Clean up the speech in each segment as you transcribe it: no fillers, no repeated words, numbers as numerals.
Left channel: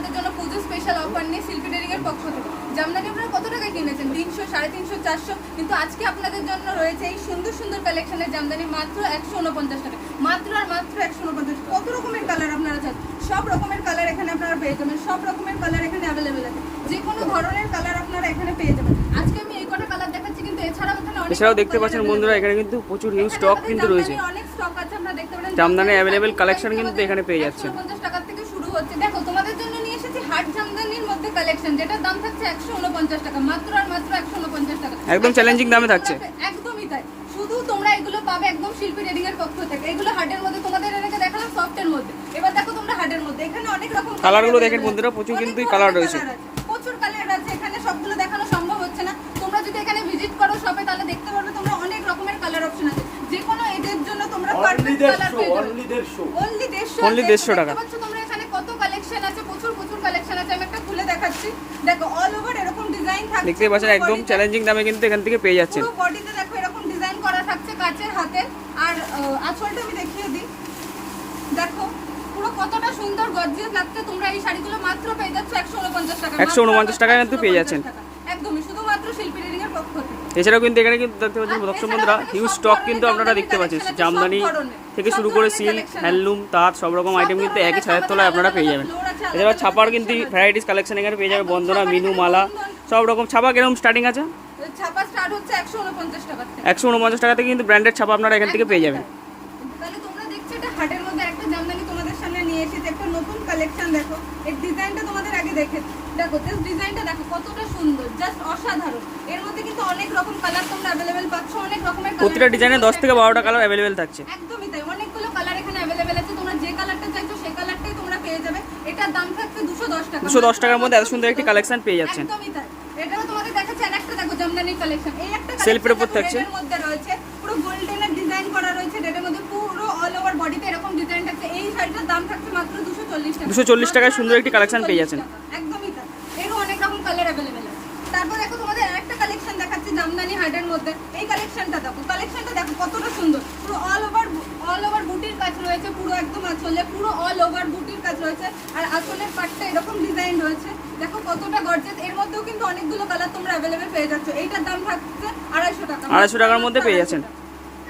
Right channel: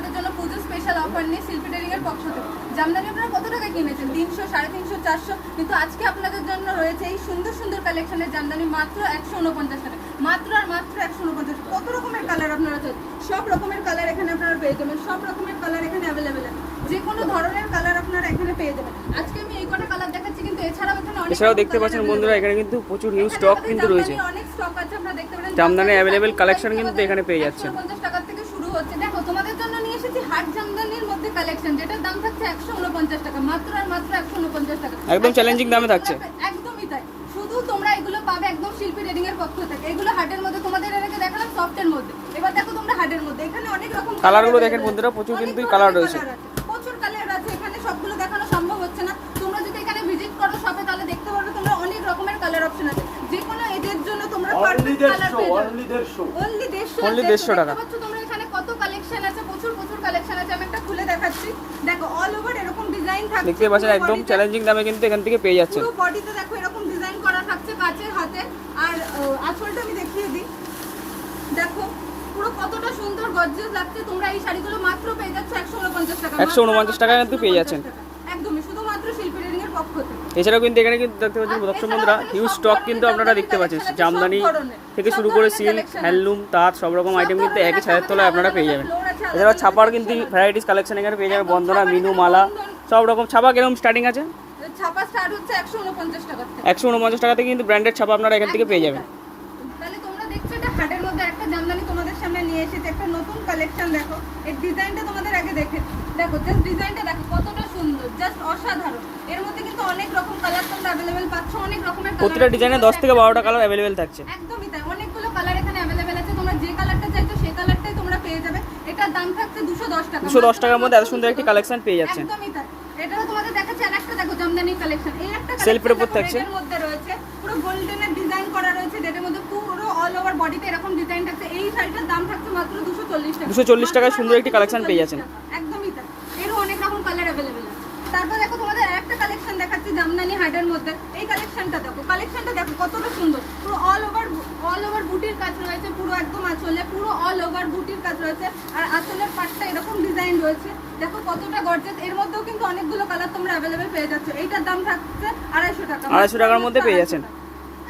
আপনাদের জন্য পুজো special offer নিয়ে শিল্পী ট্রেডিং এর পক্ষ থেকে। জামদানি আপনারা কত টাকায় কিনেছেন? 300, 350, 400, কিন্তু আজকে আপনাদের জন্য রয়েছে এই সুন্দর সুন্দর কালেকশনের জামদানি মাত্র 149 টাকা। মাত্র আর মাত্র 149। কত রকমের কালার আপনারা চান, সব রকমের কালার এখানে আপনারা পেয়ে যাবেন। সব রকমের কালার এখানে অ্যাভেলেবেল আছে, যে কোনো ধরনের কালার আপনারা এখানে পেয়ে যাবেন। আজকে আমি এই কটা কালার দেখাচ্ছি, কিন্তু এছাড়াও এখানে দেখতে পাচ্ছেন বন্ধুরা, এখানে কিন্তু প্রচুর হিউজ স্টক কিন্তু রয়েছে। অনেক স্টক আছে, আপনারা দেখতে পারেন। জামদানি অ্যাভেলেবেল কালেকশন কিন্তু এখানে পেয়ে যাচ্ছেন। 150 টাকা থেকে শুরু হচ্ছে। দেখো তোমাদের জন্য নিয়ে এসেছি হাট জামদানির মধ্যে কালেকশন, যেটার দাম থাকছে 149 টাকা। মাত্র আর মাত্র 149 টাকা, একদম চ্যালেঞ্জিং দামে থাকছে। একদমই তাই। শুধু তোমরা এগুলো পাবে একদম শিল্পী ট্রেডিং এর পক্ষ থেকে। এগুলো হাটের মধ্যে তোমাদের এলাকা দেখালাম সফটের মধ্যে, এবার দেখো তোমরা হাটের মধ্যে। এখানে অনেক রকম কালারগুলো দেখেন বন্ধুরা, প্রচুর কিন্তু কালার রয়েছে, প্রচুর কালার আছে। এখানে সবগুলো দেখানো সম্ভব হচ্ছে না। তোমরা যদি এখানে ভিজিট করো শপে, তাহলে দেখতে পারবে তোমরা অনেক রকমের কালার অপশন আছে। যে কোনো এজের জন্য তোমরা পারফেক্ট কালার পেয়ে যাবে। অনলি 150 টাকা। তোমরা এখানে কত কালেকশন আছে, প্রচুর কালেকশন আছে। আমি একটা খুলে দেখাচ্ছি। দেখো অল ওভার এরকম ডিজাইন থাকছে, দেখতে পাচ্ছেন একদম চ্যালেঞ্জিং দামে কিন্তু এখান থেকে পেয়ে যাচ্ছেন। পুরো বডিতে দেখো এরকম ডিজাইন করা থাকছে কাচের হাতে। আর আঁচলটা আমি দেখিয়ে দিই, দেখো পুরো কতটা সুন্দর গর্জিয়াস লাগছে। তোমরা এই শাড়িগুলো মাত্র পেয়ে যাচ্ছ 149 টাকা। 149 টাকায় কিন্তু পেয়ে যাচ্ছেন একদমই, শুধুমাত্র শিল্পী ট্রেডিং এর পক্ষ থেকে। এছাড়াও কিন্তু এখানে কিন্তু দেখতে পাচ্ছেন দর্শক বন্ধুরা, হিউজ স্টক কিন্তু আপনারা দেখতে পাচ্ছেন। জামদানি থেকে শুরু করে সিল্ক, হ্যান্ডলুম, তাঁত সব রকম আইটেম কিন্তু একই ছাদের তলায় আপনারা পেয়ে যাবেন। এছাড়াও ছাপার কিন্তু ভ্যারাইটিস কালেকশন এখানে পেয়ে যাবেন। বন্দনা, মিনু, মালা সব রকম ছাপা কিরকম স্টার্টিং আছে? ছাপা স্টার্ট হচ্ছে 149 টাকা থেকে। 149 টাকা থেকে কিন্তু ব্র্যান্ডেড ছাপা আপনারা এখান থেকে পেয়ে যাবেন। তাহলে তোমরা দেখছো এটা হাটের মধ্যে একটা জামদানি তোমাদের সামনে নিয়ে এসেছে, একটা নতুন কালেকশন। দেখো এই ডিজাইনটা তোমাদের আগে দেখো, জাস্ট ডিজাইনটা দেখো কতটা সুন্দর, জাস্ট অসাধারণ। এর মধ্যে কিন্তু অনেক রকম কালার তোমরা अवेलेबल পাচ্ছ, অনেক রকমের কালার। প্রতিটা ডিজাইনে 10 থেকে 12টা কালার अवेलेबल থাকছে। একদমই তাই, অনেকগুলো কালার এখানে अवेलेबल আছে। তোমরা যে কালারটা চাইছো সেই কালারটাই তোমরা পেয়ে যাবে। এটার দাম থাকছে 210 টাকা। 210 টাকার মধ্যে এত সুন্দর একটি কালেকশন পেয়ে যাচ্ছেন। একদমই তাই। এটাও তোমাদের দেখাচ্ছি আরেকটা, দেখো জামদানি কালেকশন। এই একটা সেলফের উপর থাকছে, এর মধ্যে রয়েছে পুরো গোল্ডেনের ডিজাইন করা রয়েছে। এর মধ্যে পুরো অল ওভার বডিতে এরকম ডিজাইন থাকছে। এই শাড়িটার দাম থাকছে মাত্র 240 টাকা। 240 টাকায় সুন্দর একটি কালেকশন পেয়ে যাচ্ছেন। একদমই তাই, এরও অনেক রকম কালার अवेलेबल আছে। তারপর দেখো তোমাদের আরেকটা কালেকশন দেখাচ্ছি জামদানি হাটের মধ্যে। এই কালেকশনটা দেখো, কালেকশনটা দেখো কতটা সুন্দর। পুরো অল ওভার বুটির কাজ রয়েছে, পুরো একদম আঁচলে পুরো অল ওভার বুটির কাজ রয়েছে। আর আঁচলের পাটটা এরকম ডিজাইন রয়েছে, দেখো কতটা গর্জিয়াস। এর মধ্যেও কিন্তু অনেকগুলো কালার তোমরা अवेलेबल পেয়ে যাচ্ছ। এইটার দাম থাকছে 250 টাকা। 250 টাকার মধ্যে পেয়ে যাচ্ছেন।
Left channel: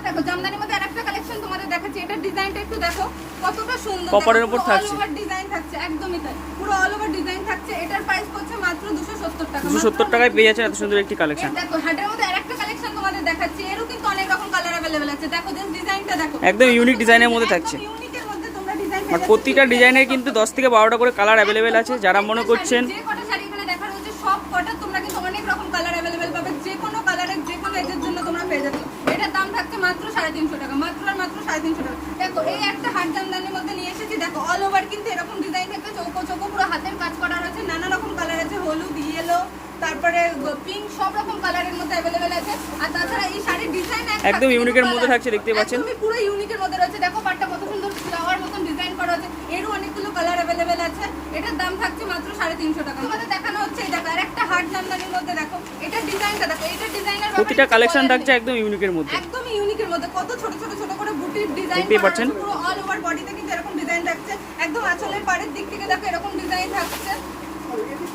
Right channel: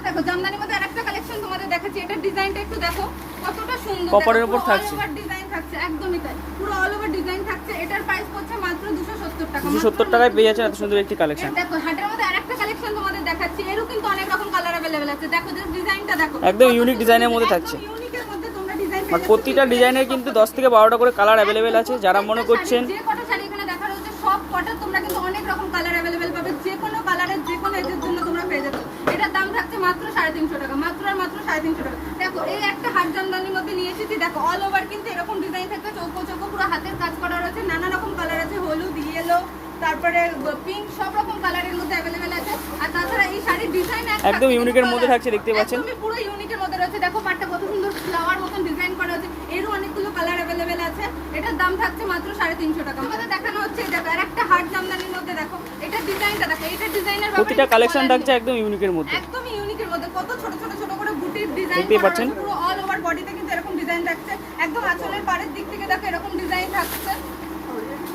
দেখো জামদানির মধ্যে আরেকটা কালেকশন তোমাদের দেখাচ্ছি। এটার ডিজাইনটা একটু দেখো কতটা সুন্দর, কপারের উপর থাকছে, অল ওভার ডিজাইন থাকছে। একদমই তাই, পুরো অল ওভার ডিজাইন থাকছে। এটার প্রাইস পড়ছে মাত্র 270 টাকা। 270 টাকায় পেয়ে যাচ্ছেন এত সুন্দর একটি কালেকশন। দেখো হাটের মধ্যে আরেকটা কালেকশন তোমাদের দেখাচ্ছি। এরও কিন্তু অনেক রকম কালার अवेलेबल আছে। দেখো জাস্ট ডিজাইনটা দেখো, একদম ইউনিক ডিজাইনের মধ্যে থাকছে। ইউনিকের মধ্যে তোমরা ডিজাইন আর প্রতিটা ডিজাইনের কিন্তু 10 থেকে 12টা করে কালার अवेलेबल আছে। যারা মনে করছেন যে কটা শাড়ি এখানে দেখা হচ্ছে সব কটা তোমরা কিন্তু অনেক রকম কালার अवेलेबल পাবে। যে কোনো কালারের যে কোনো এজের জন্য তোমরা পেয়ে যাবে। এটার দাম থাকছে মাত্র 350 টাকা। মাত্র আর মাত্র 350 টাকা। দেখো এই একটা হাট জামদানির মধ্যে নিয়ে এসেছি। দেখো অল ওভার কিন্তু এরকম ডিজাইন থাকছে, চৌকো চৌকো পুরো হাতের কাজ করা রয়েছে। নানা রকম কালার আছে, হলুদ, ইয়েলো, তারপরে পিঙ্ক, সব রকম কালারের মধ্যে अवेलेबल আছে। আর তাছাড়া এই শাড়ির ডিজাইন একদম ইউনিকের মধ্যে থাকছে, দেখতে পাচ্ছেন পুরো ইউনিকের মধ্যে রয়েছে। দেখো পাটটা কত সুন্দর ফ্লাওয়ার মতন ডিজাইন করা আছে। এরও অনেকগুলো কালার अवेलेबल আছে। এটার দাম থাকছে মাত্র 350 টাকা। আমাদের দেখানো হচ্ছে এই দেখো আরেকটা হাট জামদানির মধ্যে। দেখো এটার ডিজাইনটা দেখো, এটার ডিজাইনের প্রতিটা কালেকশন থাকছে একদম ইউনিকের মধ্যে। একদম ইউনিকের মধ্যে কত ছোট ছোট ছোট করে বুটির ডিজাইন দেখতেই পাচ্ছেন। পুরো অল ওভার বডিতে কিন্তু এরকম ডিজাইন থাকছে। একদম আঁচলের পাড়ের দিক থেকে দেখো এরকম ডিজাইন থাকছে।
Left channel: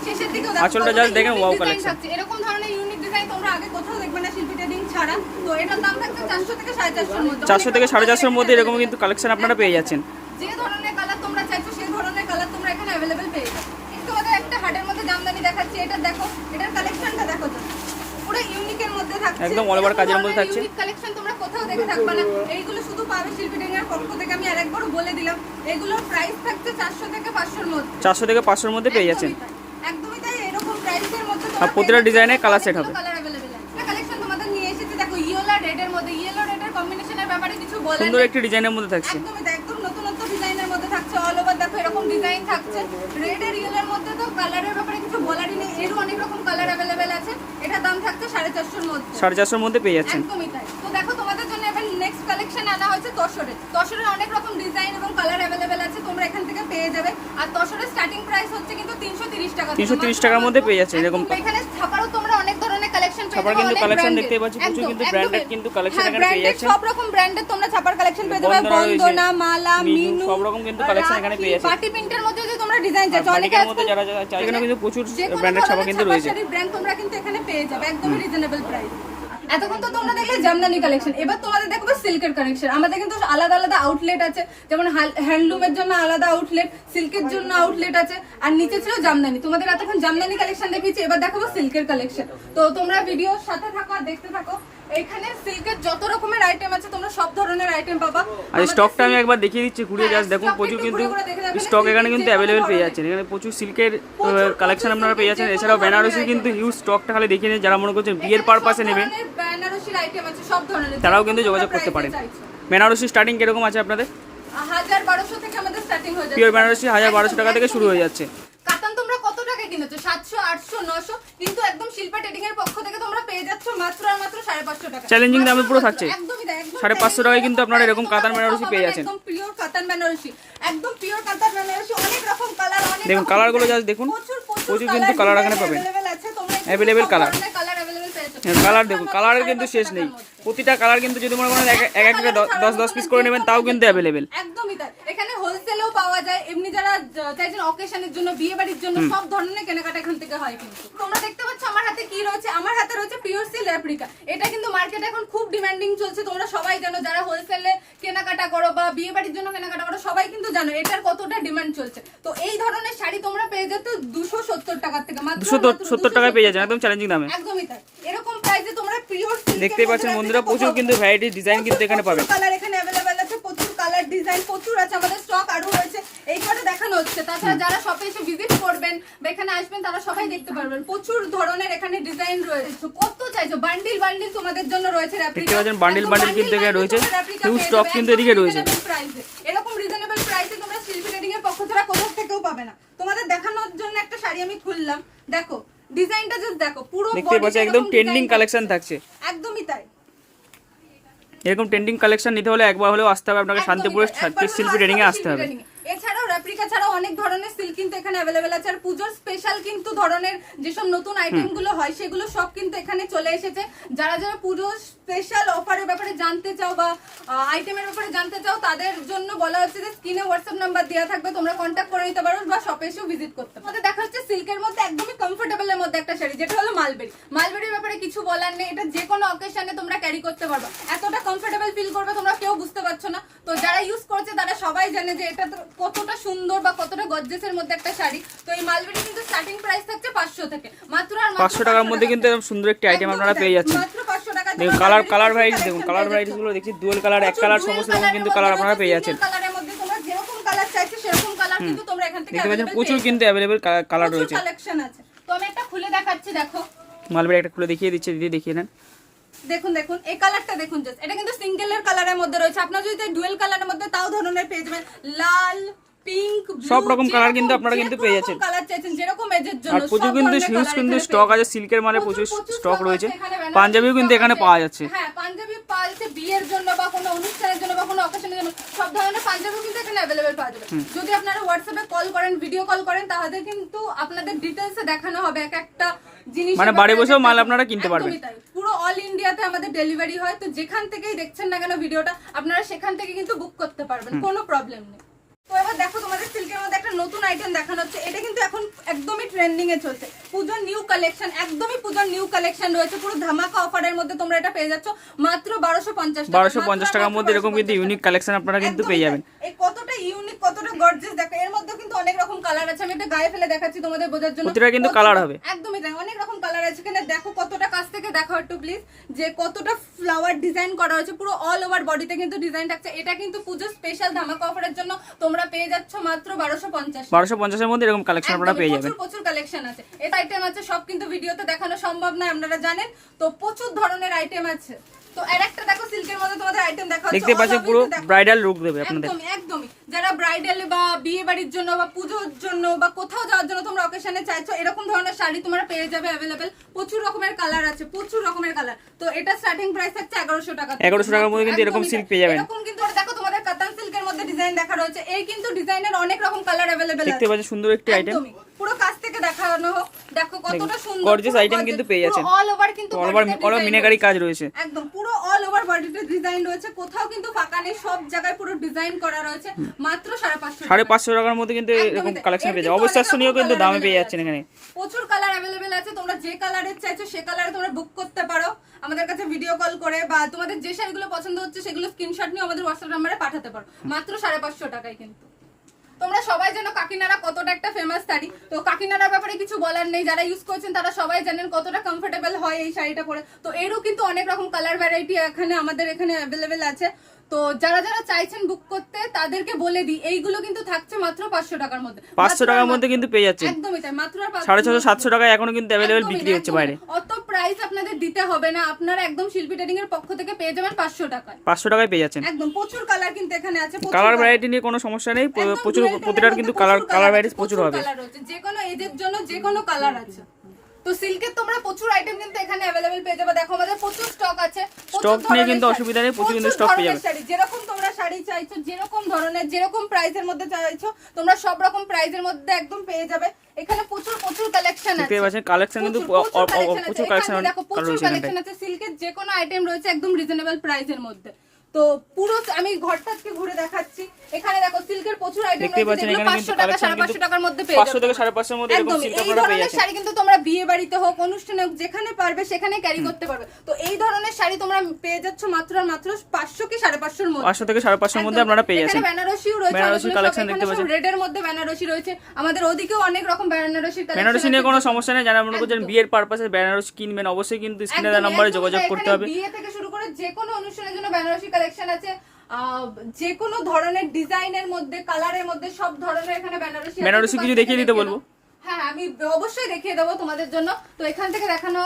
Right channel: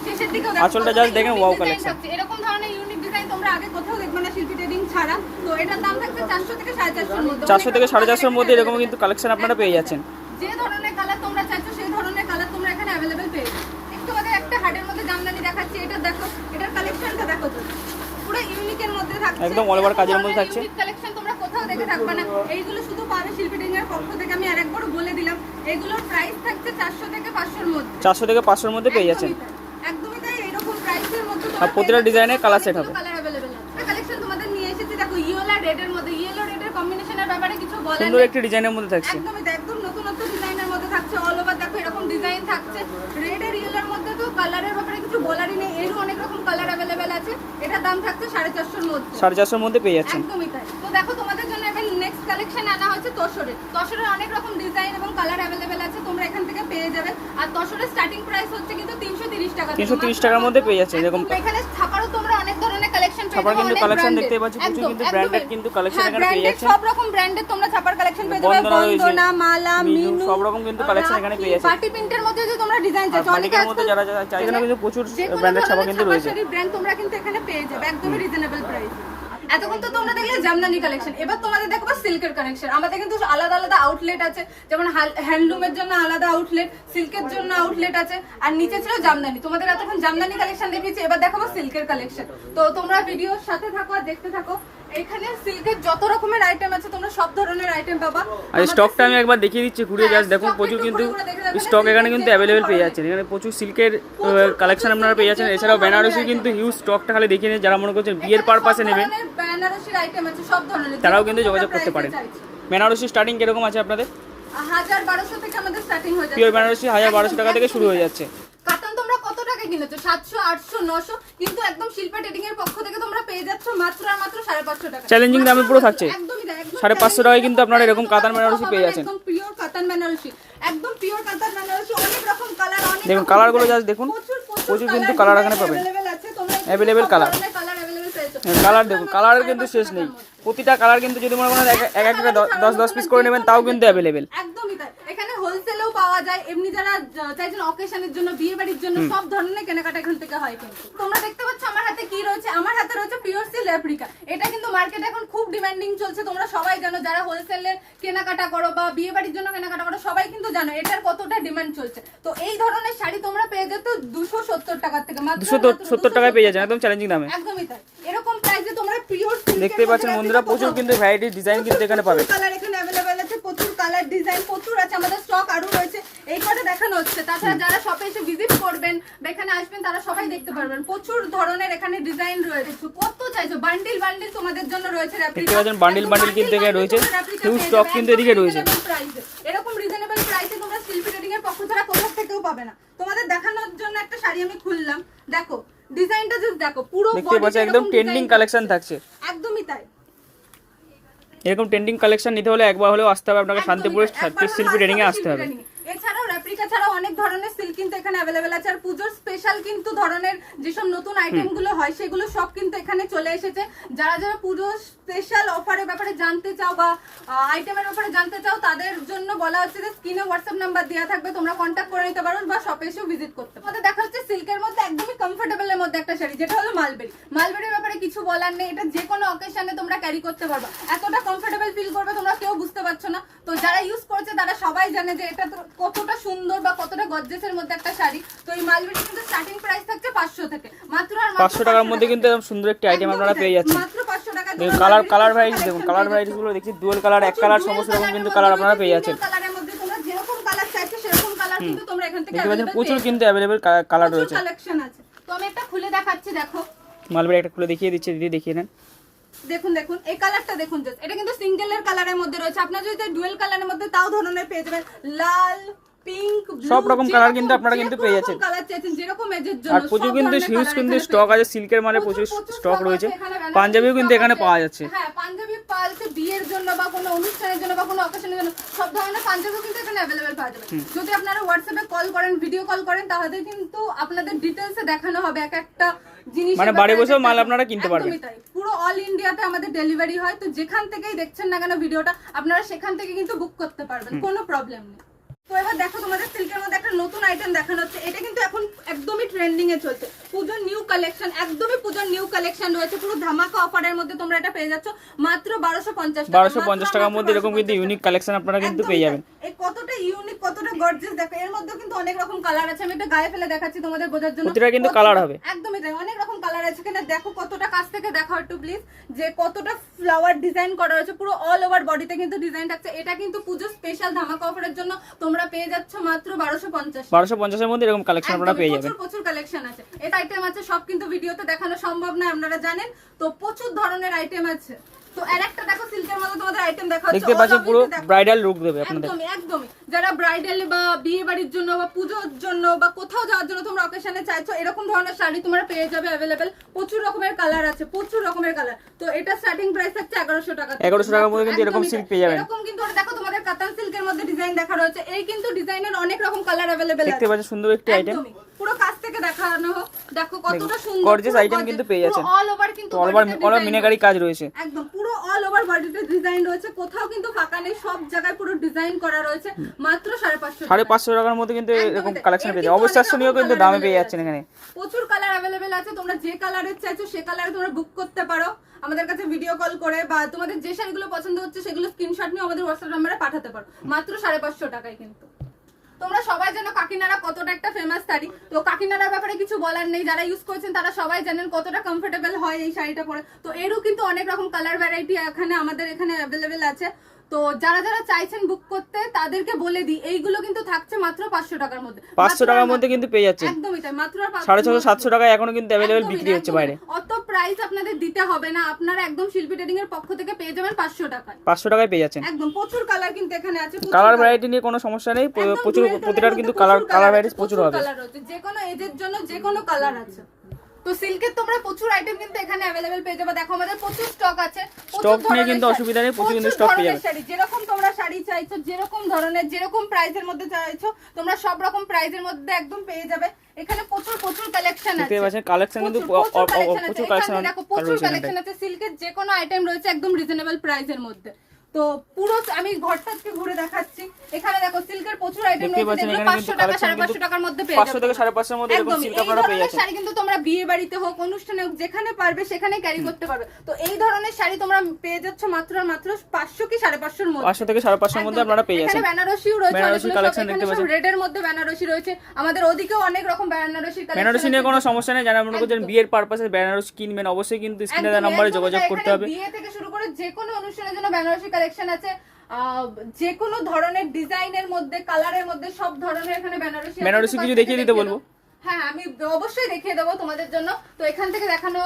শেষের দিকেও দেখো আঁচলটা জাস্ট দেখেন, ওয়াও কালেকশন। এরকম ধরনের ইউনিক ডিজাইন তোমরা আগে কোথাও দেখবে না শিল্পী ট্রেডিং ছাড়া। তো এটার দাম থাকছে 400 থেকে 450 এর মধ্যে। 400 থেকে 450 এর মধ্যে এরকম কিন্তু কালেকশন আপনারা পেয়ে যাচ্ছেন। যে ধরনের কালার তোমরা চাইছো সেই ধরনের কালার তোমরা এখানে अवेलेबल পেয়ে যাবে। একটু বাদে একটা হাটের মধ্যে জামদানি দেখাচ্ছি। এটা দেখো, এটার কালেকশনটা দেখো, পুরো ইউনিকের মধ্যে থাকছে। একদম অল ওভার কাজের মধ্যে থাকছে। ইউনিক কালেকশন তোমরা কোথাও দেখে থাকবে না। এইগুলো শুধু পাবে শিল্পী ট্রেডিং এর পক্ষ থেকে। আমি আরেকবার বলে দিলাম, এগুলোর প্রাইস থাকছে 400 থেকে 500 এর মধ্যে। 400 থেকে 500 এর মধ্যে পেয়ে যাচ্ছেন। একদমই তাই, এরকম প্রাইসের মধ্যে আর প্রতিটা ডিজাইনের কালার সেট হবে। কালার अवेलेबल আছে। একটা কালেকশন তোমাদের নিয়ে এসেছি। দেখো ইয়েলো আর রেড এর মধ্যে। ইয়েলো রেড এর কম্বিনেশনের ব্যাপারে কিছু বলার সুন্দর নেই। একটি ডিজাইনের মধ্যে থাকছে। একদমই তাই, একদম নতুনত্ব ডিজাইনের মধ্যে থাকছে। অল ওভার দেখো এরকম ডিজাইন থাকছে। রেড আর ইয়েলোর মধ্যে তো কালারের ব্যাপারে কিছু বলারই নেই। এরও অনেক রকম কালার अवेलेबल আছে। এটা দাম থাকছে 450 এর মধ্যে। 450 এর মধ্যে পেয়ে যাচ্ছেন। একদমই তাই। তো দেখো তোমাদের জন্য এবার নেক্সট কালেকশন আনা হচ্ছে তসরের। তসরের অনেক রকম ডিজাইন এবং কালার अवेलेबल আছে, তোমরা এখান থেকে পেয়ে যাবে। আর তসরের স্টার্টিং প্রাইস হচ্ছে কিন্তু 330 টাকা। 330 টাকার মধ্যে পেয়ে যাচ্ছে। এরকম এখানে ছাপারও তোমরা অনেক ধরনের কালেকশন ছাপার কিন্তু কালেকশন দেখতে পাচ্ছি, প্রচুর কিন্তু ব্র্যান্ডেড কিন্তু কালেকশন এখানে পেয়ে যাচ্ছেন। সব রকম ব্র্যান্ডের তোমরা ছাপা ছাপার কালেকশন পেয়ে যাবে, বন্দনা রয়েছে, বন্দনা, মালা, মিনু সব রকম কিন্তু কালেকশন এখানে পেয়ে যাচ্ছে। পার্টি প্রিন্টের মধ্যে যে তোমরা ডিজাইন আর চাইছো, বাটিকের মধ্যে যারা চাই এখানে কিন্তু প্রচুর ব্র্যান্ডের ছাপা কিন্তু রয়েছে। ব্র্যান্ড তোমরা কিন্তু এখানে পেয়ে যাবে একদমই রিজনেবল প্রাইস। এতক্ষণ তো তোমরা দেখলে জামদানি কালেকশন, এবার তোমাদের দেখবো সিল্কের কালেকশন। আমাদের কিন্তু আলাদা আলাদা আউটলেট আছে, যেমন হ্যান্ডলুমের জন্য আলাদা আউটলেট, সিল্কের জন্য আউটলেট আছে, আর নিচে ছিল জামদানি। তোমাদের এতক্ষণ জামদানি কালেকশন দেখিয়েছি, এবার দেখাবো সিল্কের কালেকশন। তো তোমরা ভিডিওর সাথে থাকো আর দেখতে থাকো। এখানে সিল্কের যত রকমের আইটেম আছে তোমরা সব ধরনের আইটেম পাবা। আর স্টকটা আমি একবার দেখিয়ে দিচ্ছি, ঘুরে জাস্ট দেখুন, প্রচুর কিন্তু স্টক এখানে কিন্তু অ্যাভেলেবেল পেয়ে যাচ্ছেন। এখানে প্রচুর সিল্কের কালেকশন আপনারা পেয়ে যাচ্ছেন। এছাড়াও বেনারসি কিন্তু হিউজ স্টকটা খালি দেখিয়ে নিন, যারা মনে করছেন বিয়ের পারপাসে নেবেন বেনারসির আইটেম আছে সব ধরনের, তারাও কিন্তু যোগাযোগ করতে পারেন। বেনারসি স্টার্টিং কিরকম আছে আপনাদের? 1000-1200 থেকে আমাদের স্টার্টিং হয়ে যাচ্ছে। পিওর বেনারসি 1000-1200 টাকা থেকে শুরু হয়ে যাচ্ছে। কাতান তোমরা কত টাকা কিনেছো? 700, 800, 900, কিন্তু একদম শিল্পা ট্রেডিং এর পক্ষ থেকে তোমরা পেয়ে যাচ্ছ মাত্র আর মাত্র 550 টাকা। চ্যালেঞ্জিং দামে পুরো থাকছে। একদমই তাই, একদম 550 টাকায় কিন্তু আপনারা এরকম কাতান বেনারসি পেয়ে যাচ্ছেন। একদম পিওর কাতান বেনারসি, একদম পিওর কাতান বেনারসি, অনেক রকম কালার, অনেক দেখুন কালারগুলো জাস্ট দেখুন, প্রচুর কিন্তু কালার এখানে পাবেন, অ্যাভেলেবেল কালার। কালার দেখুন, কালারের কিন্তু শেষ নেই। প্রতিটা কালার কিন্তু যদি মনে করেন এক একটা 10 পিস করে নেবেন তাও কিন্তু অ্যাভেলেবেল। একদমই তাই, এখানে হোলসেলেও পাওয়া যায়, এমনি যারা চাইছেন অকেশনের জন্য, বিয়ে বাড়ির জন্য, সব ধরনের কেনাকাটা এখান থেকে হয়। কিন্তু তোমরা দেখতে পাচ্ছ আমার হাতে কি রয়েছে, আমার হাতে রয়েছে পিওর সিল্ক রেপ্লিকা। এটা কিন্তু মার্কেটে এখন খুব ডিমান্ডিং চলছে, তোমরা সবাই জানো, যারা হোলসেলে কেনাকাটা করো বা বিয়ে বাড়ির জন্য কেনাকাটা করো সবাই কিন্তু জানো এটার কতটা ডিমান্ড চলছে। তো এই ধরনের শাড়ি তোমরা পেয়ে যেত 270 টাকা থেকে, মাত্র 270 টাকায় পেয়ে যাচ্ছেন একদম চ্যালেঞ্জিং দামে। একদমই তাই, এরকম প্রাইসে তোমরা পিওর দেখতেই পাচ্ছেন বন্ধুরা, প্রচুর কিন্তু ভ্যারাইটি ডিজাইন কিন্তু এখানে পাবেন। কালার এখানে अवेलेबल আছে, প্রচুর কালার ডিজাইন প্রচুর আছে, আমাদের স্টক আরো রয়েছে, এই কথা দেখানো হচ্ছে। তাছাড়া যারা শপে এসে ভিজিট করবেন বা এখানে আসবেন তারা সবাই দেখতে পারবেন, প্রচুর ধরনের এখানে ডিজাইন রয়েছে। কত চাইছো, বান্ডিল বান্ডিল তোমাদের জন্য রয়েছে রেপ্লিকা। দেখতে পাচ্ছেন বান্ডিল বান্ডিল কিন্তু এখানে রয়েছে, হিউজ স্টক কিন্তু এদিকে রয়েছে। এরকম রিজনেবল প্রাইসে তোমরা শিল্পী ট্রেডিং এর পক্ষ ছাড়া কোথাও থেকেও পাবে না। তোমাদের দেখানোর জন্য একটা শাড়ি আমি খুললাম, দেখো ডিজাইনটা জাস্ট দেখো, পুরো দেখতে পাচ্ছেন একদম ট্রেন্ডিং কালেকশন থাকছে। একদমই তাই, এরকম ট্রেন্ডিং কালেকশন নিতে হলে একবার হলেও আসতে হবে আপনাকে, শান্তিপুরের শিল্পী ট্রেডিং এ আসতে হবে। এছাড়াও রেপ্লিকা ছাড়াও অনেক ধরনের সিল্ক কিন্তু এখানে अवेलेबल আছে, আর পূজোর স্পেশাল কিন্তু ধরনের যেসব নতুন আইটেম গুলো হয় সেগুলো সব কিন্তু এখানে চলে এসেছে। যারা যারা পূজোর স্পেশাল অফারের ব্যাপারে জানতে চাও বা আইটেমের ব্যাপারে জানতে চাও তাদের জন্য বলা হচ্ছে যে স্ক্রিনে হোয়াটসঅ্যাপ নাম্বার দেওয়া থাকবে, তোমরা কন্ট্যাক্ট করে নিতে পারো বা শপে এসেও ভিজিট করতে পারো। দেখা হচ্ছে সিল্কের মধ্যে একদমই কমফোর্টেবল এর মধ্যে একটা শাড়ি, যেটা হলো মালবেরি। মালবেরির ব্যাপারে কিছু বলার নেই, এটা যে কোনো অকেশনে তোমরা ক্যারি করতে পারবে, এতটা কমফোর্টেবল ফিল করবে তোমরা কেউ বুঝতে পারছো না। তো যারা ইউজ করছে তারা সবাই জানে যে এটা কতটা সুন্দর বা কতটা গর্জিয়াসের মধ্যে একটা শাড়ি। তো এই মালবেরি কিন্তু স্টার্টিং প্রাইস থাকছে 500 থেকে, মাত্র আর 500 টাকার মধ্যে কিন্তু এরকম সুন্দর একটি আইটেম আপনারা পেয়ে যাচ্ছেন। মাত্র 500 টাকা। দেখুন কালার ভ্যারাইটিস, দেখুন কালার ভ্যারাইটিস গুলো দেখছি, ডুয়াল কালার, এক কালার, সমস্ত রকম কিন্তু কালার আপনারা পেয়ে যাচ্ছেন। কালারের মধ্যে তোমরা যেরকম কালার চাইছো সেরকম কালার কিন্তু তোমরা এখান থেকে দেখতে পাচ্ছেন প্রচুর কিন্তু অ্যাভেলেবল কালার রয়েছে, কালেকশন আছে। তো আমি একটা খুলে দেখাচ্ছি, দেখো মালবেরি একটা খুলে দেখিয়ে দিচ্ছি, দিদি দেখিয়ে নেন। দেখুন দেখুন এই কালারটা দেখুন, জাস্ট এটা কিন্তু সিঙ্গেলের কালারের মধ্যে রয়েছে, আপনারা যদি ডুয়েল কালারের মধ্যে তাও ধরনের পেয়ে যাবেন, লাল, পিঙ্ক, সব রকম কালার কিন্তু আপনারা কিন্তু পেয়ে যাচ্ছেন। কালার চাইছেন যেরকম এজের জন্য, আর প্রচুর কিন্তু হিউজ কিন্তু স্টক আছে, সিল্কের মানে প্রচুর স্টক রয়েছে। পাঞ্জাবিও কিন্তু এখানে পাওয়া যাচ্ছে। হ্যাঁ পাঞ্জাবি পাওয়া যাচ্ছে, বিয়ের জন্য বা কোনো অনুষ্ঠানের জন্য বা কোনো অকেশনের জন্য সব ধরনের পাঞ্জাবি কিন্তু এখানে अवेलेबल পাওয়া যাবে। যদি আপনারা হোয়াটসঅ্যাপে কল করেন, ভিডিও কল করেন, তাহলে কিন্তু আপনাদের ডিটেইলসে দেখানো হবে এক একটা জিনিস, মানে বাড়ি বসেও মাল আপনারা কিনতে পারবেন। পুরো অল ইন্ডিয়াতে আমাদের ডেলিভারি হয়, তো যেখান থেকেই দেখছেন না কেন ভিডিওটা আপনারা সেখান থেকে কিন্তু বুক করতে পারবেন, কোনো প্রবলেম নেই। তো এবার দেখো তোমাদের সিল্কের মধ্যে একটা নতুন আইটেম দেখানো হচ্ছে, এটা কিন্তু এখন একদমই ট্রেন্ডিং এ চলছে, পূজোর নিউ কালেকশন, একদমই পূজোর নিউ কালেকশন রয়েছে, পুরো ধামাকা অফারের মধ্যে তোমরা এটা পেয়ে যাচ্ছ মাত্র 1250 টাকার মধ্যে। এরকম কিন্তু ইউনিক কালেকশন আপনারা কিন্তু পেয়ে যাবেন। এই কতটা ইউনিক, কতটা গর্জিয়াস দেখো, এর মধ্যে কিন্তু অনেক রকম কালার আছে, আমি এটা গায়ে ফেলে দেখাচ্ছি তোমাদের বোঝার জন্য, প্রতিটা কিন্তু কালার হবে, একদমই তাই, অনেক রকম কালার আছে এখানে। দেখো কতটা কাছ থেকে দেখো একটু প্লিজ, যে কতটা ফ্লাওয়ার ডিজাইন করা হয়েছে, পুরো অল ওভার বডিতে কিন্তু ডিজাইন থাকছে। এটা কিন্তু পূজোর স্পেশাল ধামাকা অফারের জন্য তোমরা পেয়ে যাচ্ছ মাত্র 1250 এর মধ্যে এরকম কালেকশন আপনারা পেয়ে যাবেন। প্রচুর কালেকশন আছে, এই আইটেম আছে, সব কিন্তু ভিডিওতে দেখানো সম্ভব না আপনারা জানেন, তো প্রচুর ধরনের আইটেম আছে। তো আরেকটা দেখো সিল্কের মধ্যে তোমাদের আইটেম দেখা হচ্ছে, দেখতে পাচ্ছেন পুরো ব্রাইডাল লুক দেবে আপনাদের। একদমই যারা ব্রাইডাল বা বিয়ে বাড়ির জন্য বা পূজোর জন্য বা কোথাও যাওয়ার জন্য তোমরা অকেশনে চাইছো, এরকম ধরনের শাড়ি তোমরা পেয়ে যাবে अवेलेबल। প্রচুর রকমের কালার আছে, প্রচুর রকমের কালার। তো এটা স্টার্টিং প্রাইস থাকছে 1100 টাকা। 1100 টাকার মধ্যে কিন্তু এরকম সিল্ক পেয়ে যাবেন। এরকম কিন্তু দেখো তোমাদের কাতান সিল্কের মধ্যে ডিজাইন দেখা রয়েছে, এই কিন্তু ডিজাইনের অনেক রকম কালার अवेलेबल আছে। দেখতে পাচ্ছেন সুন্দর একটি আইটেম, পুরো কাছ থেকে দেখানো হোক। দেখো কতটা সুন্দর গর্জিয়াস আইটেম কিন্তু পেয়ে যাচ্ছেন। অল ওভার কিন্তু অল ওভার মিনাকারি কাজ রয়েছে, একদম পুরো অল ওভার বডিতে ডিজাইন রয়েছে, কোথাও কিন্তু ফাঁকা নেই, সব জায়গায় পুরো ডিজাইন করা রয়েছে। মাত্র 550 550 টাকার মধ্যে কিন্তু এরকম কালেকশন পেয়ে যাবে। অবশ্যই কিন্তু দামে পেয়ে যাচ্ছেন এখানে। প্রচুর কালার अवेलेबल আছে, তোমরা যে কালারের চাইছো সে কালারে তোমরা বুক করতে পারো আমাদের কাছে ভিডিও কল করে, বা তোমাদের যে শাড়িগুলো পছন্দ হচ্ছে সেগুলো স্ক্রিনশট নিয়ে আমাদের হোয়াটসঅ্যাপ নম্বরে পাঠাতে পারো মাত্র 550 টাকায়। কিন্তু তোমরা সবাই জানো কাকিনাড়া কতটা একটা ফেমাস শাড়ি, তো কাকিনাড়ার ব্যাপারে কিছু বলার নেই, যারা ইউজ করছেন তারা সবাই জানেন কতটা কমফোর্টেবল হয় এই শাড়িটা পরে। তো এরও কিন্তু অনেক রকম কালার ভ্যারাইটি আমাদের এখানে অ্যাভেলেবেল আছে। তো যারা যারা চাইছেন বুক করতে তাদেরকে বলে দিই, এইগুলো কিন্তু থাকছে মাত্র 500 টাকার মধ্যে। 500 টাকার মধ্যে কিন্তু পেয়ে যাচ্ছে, একদমই তাই, মাত্র 650 700 টাকায় এখনো কিন্তু অ্যাভেলেবেল বিক্রি হচ্ছে বাইরে। অত প্রাইস আপনাদের দিতে হবে না, আপনারা একদম শিল্পী ট্রেডিং এর পক্ষ থেকে পেয়ে যাবেন 500 টাকায়। 500 টাকায় পেয়ে যাচ্ছেন একদম প্রচুর কালার কিন্তু এখানে আছে, কালার ভ্যারাইটি নিয়ে কোনো সমস্যা নেই, প্রচুর প্রতিটার কিন্তু কালার ভ্যারাইটিস প্রচুর হবে। যে কোনো এজের জন্য যে কোনো কালার আছে। তো সিল্কের তোমরা প্রচুর আইটেম কিন্তু এখানে अवेलेबल পেয়ে যাবে। দেখো আমাদের প্রচুর স্টক আছে, স্টক নিয়ে কিন্তু অসুবিধা নেই, প্রচুর কিন্তু স্টক পেয়ে যাবে। যেরকম তোমরা শাড়ি চাইছো, যেরকম ধরনের যেরকম প্রাইসের মধ্যে চাইছো তোমরা সব রকম প্রাইসের মধ্যে একদম পেয়ে যাবে। এখানে প্রচুর কালেকশন আছে, দেখতে পাচ্ছেন কালেকশন কিন্তু প্রচুর কালেকশন আছে। সিল্কের যে কোনো আইটেম রয়েছে একদম রিজনেবল প্রাইসের মধ্যে। তো পুরো আমি ঘরটাকে ঘুরে দেখাচ্ছি, এখানে দেখো সিল্কের প্রচুর আইটেম দেখতে পাচ্ছেন এখানে কিন্তু কালেকশন কিন্তু 500 টাকার মধ্যে পেয়ে যাবে। 500 থেকে 550 এর মধ্যে এরকম সিল্ক আপনারা পেয়ে যাচ্ছেন। শাড়ি কিন্তু তোমরা বিয়ে বাড়িতে হোক, অনুষ্ঠানে হোক, যেখানে পারবে সেখানে ক্যারি করতে পারবে। তো এই ধরনের শাড়ি তোমরা পেয়ে যাচ্ছ মাত্র আর মাত্র 500 কি 550 এর মধ্যে। 500 থেকে 550 এর মধ্যে আপনারা পেয়ে যাচ্ছেন। এখানে বেনারসিও রয়েছে, বেনারসি কালেকশন দেখতে পাচ্ছেন, রেড এর মধ্যে বেনারসি রয়েছে, আমাদের ওদিকেও অনেক রকম বেনারসি কালেকশন। বেনারসি নিয়ে কোনো সমস্যা নেই, যারা মনে করছেন বিয়ের পারপাসে বেনারসি কিনবেন অবশ্যই কিন্তু স্ক্রিনে দেওয়া নম্বরে যোগাযোগ করতে হবে। বিয়ে থেকে শুরু করে যে কোনো অনুষ্ঠানের জন্য বেনারসি কালেকশন আছে, যে কোনো ধরনের ডিজাইনের মধ্যে, কালারের মধ্যে, সব ধরনের এখানে বেনারসি কিছু দেখিয়ে দিতে বলবো। হ্যাঁ আমি অবশ্যই দেখিয়ে দেবো তোমাদের জন্য। তো এখান থেকে দেখানো